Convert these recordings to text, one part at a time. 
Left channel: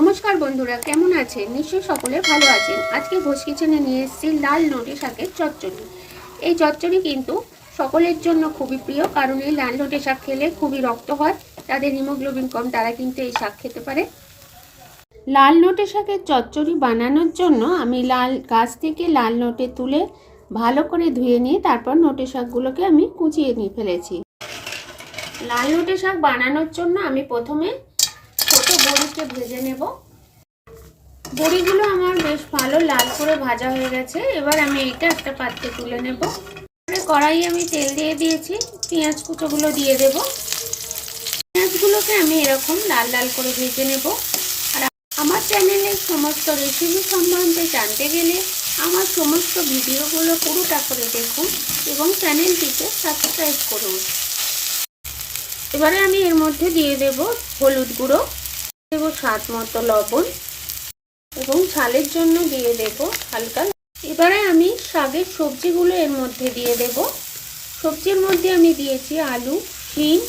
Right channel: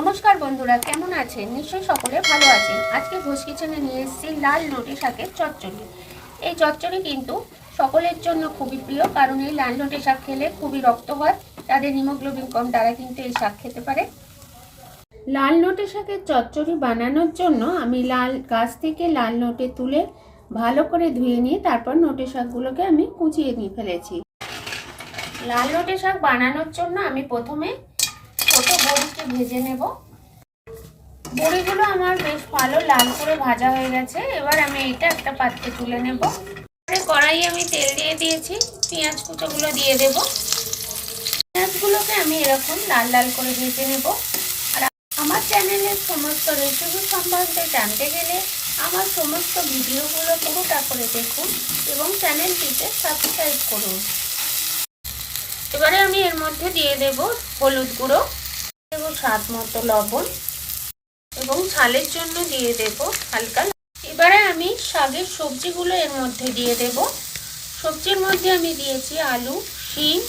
নমস্কার বন্ধুরা, কেমন আছেন? নিশ্চয়ই সকলে ভালো আছেন। আজকে ঘোষ কিচেনে নিয়ে এসেছি লাল নোটে শাকের চচ্চড়ি। এই চচ্চড়ি কিন্তু সকলের জন্য খুবই প্রিয়, কারণ এই লাল নোটে শাক খেলে খুবই রক্ত হয়। তাদের হিমোগ্লোবিন কম, তারা কিন্তু এই শাক খেতে পারে। লাল নোটে শাকের চচ্চড়ি বানানোর জন্য আমি গাছ থেকে লাল নোটে তুলে ভালো করে ধুয়ে নিয়ে তারপর নোটে শাকগুলোকে আমি কুচিয়ে নিয়ে ফেলেছি। লাল নোটে শাক বানানোর জন্য আমি প্রথমে ছোট বড়িকে ভেজে নেব। বড়িগুলো আমার বেশ ভালো লাল করে ভাজা হয়ে গেছে। এবার আমি এটা একটা পাত্রে তুলে নেব। কড়াই আমি তেল দিয়ে দিয়েছি, পেঁয়াজ কুচোগুলো দিয়ে দেব। পেঁয়াজগুলোকে আমি এরকম লাল লাল করে ভেজে নেব। আর আমার চ্যানেলের সমস্ত রেসিপি সম্বন্ধে জানতে গেলে আমার সমস্ত ভিডিওগুলো পুরোটা করে দেখুন এবং চ্যানেলটিতে সাবস্ক্রাইব করুন। এবারে আমি এর মধ্যে দিয়ে দেব হলুদ গুঁড়ো, দেব স্বাদ মতো লবণ এবং ঝালের জন্য দিয়ে দেব হালকা। এবারে আমি শাকের সবজিগুলো এর মধ্যে দিয়ে দেব। সবজির মধ্যে আমি দিয়েছি আলু, শিম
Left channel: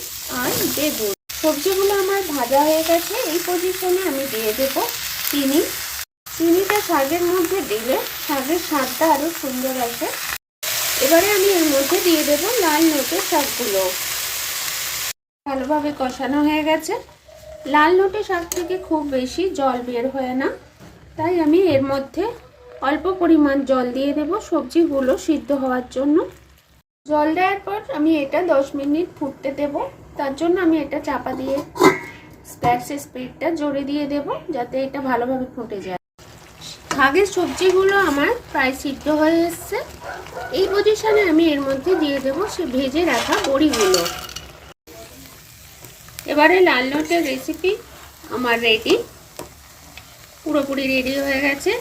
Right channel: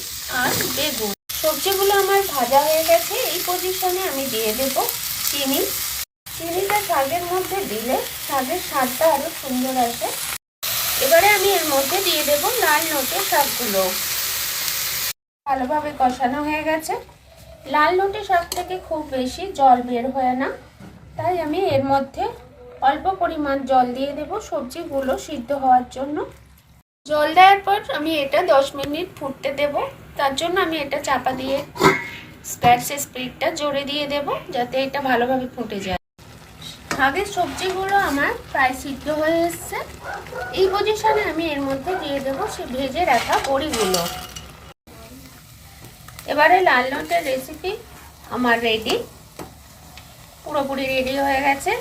আর বেগুন। সবজিগুলো আমার ভাজা হয়ে গেছে। এই পজিশনে আমি দিয়ে দেব চিনি। চিনিটা শাকের মধ্যে দিলে শাকের স্বাদটা আরো সুন্দর আসে। এবারে আমি এর মধ্যে দিয়ে দেব লাল নোটে শাকগুলো। ভালোভাবে কষানো হয়ে গেছে। লাল নোটে শাক থেকে খুব বেশি জল বের হয় না, তাই আমি এর মধ্যে অল্প পরিমাণ জল দিয়ে দেব সবজিগুলো সিদ্ধ হওয়ার জন্য। জল দেওয়ার পর আমি এটা 10 মিনিট ফুটতে দেব। তার জন্য আমি এটা চাপা দিয়ে গ্যাসের স্পিডটা জোরে দিয়ে দেব, যাতে এটা ভালোভাবে ফুটে যায়। শাকের সবজিগুলো আমার প্রায় সিদ্ধ হয়ে এসছে। এই পজিশনে আমি এর মধ্যে দিয়ে দেব সে ভেজে রাখা বড়িগুলো। এবারে লাল নোটের রেসিপি আমার রেডি, পুরোপুরি রেডি হয়ে গেছে।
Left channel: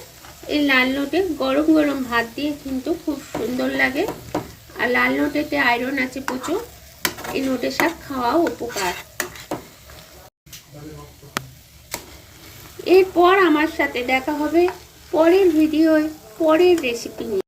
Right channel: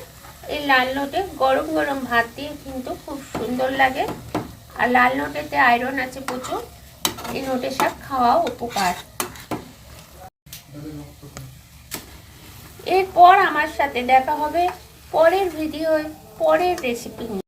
এই লাল নোটে গরম গরম ভাত দিয়ে কিন্তু খুব সুন্দর লাগে। আর লাল নোটেতে আয়রন আছে প্রচুর। এই নোটে শাক খাওয়াও উপকার। এরপর আমার সাথে দেখা হবে পরের ভিডিওয় পরের রেসিপি নিয়ে।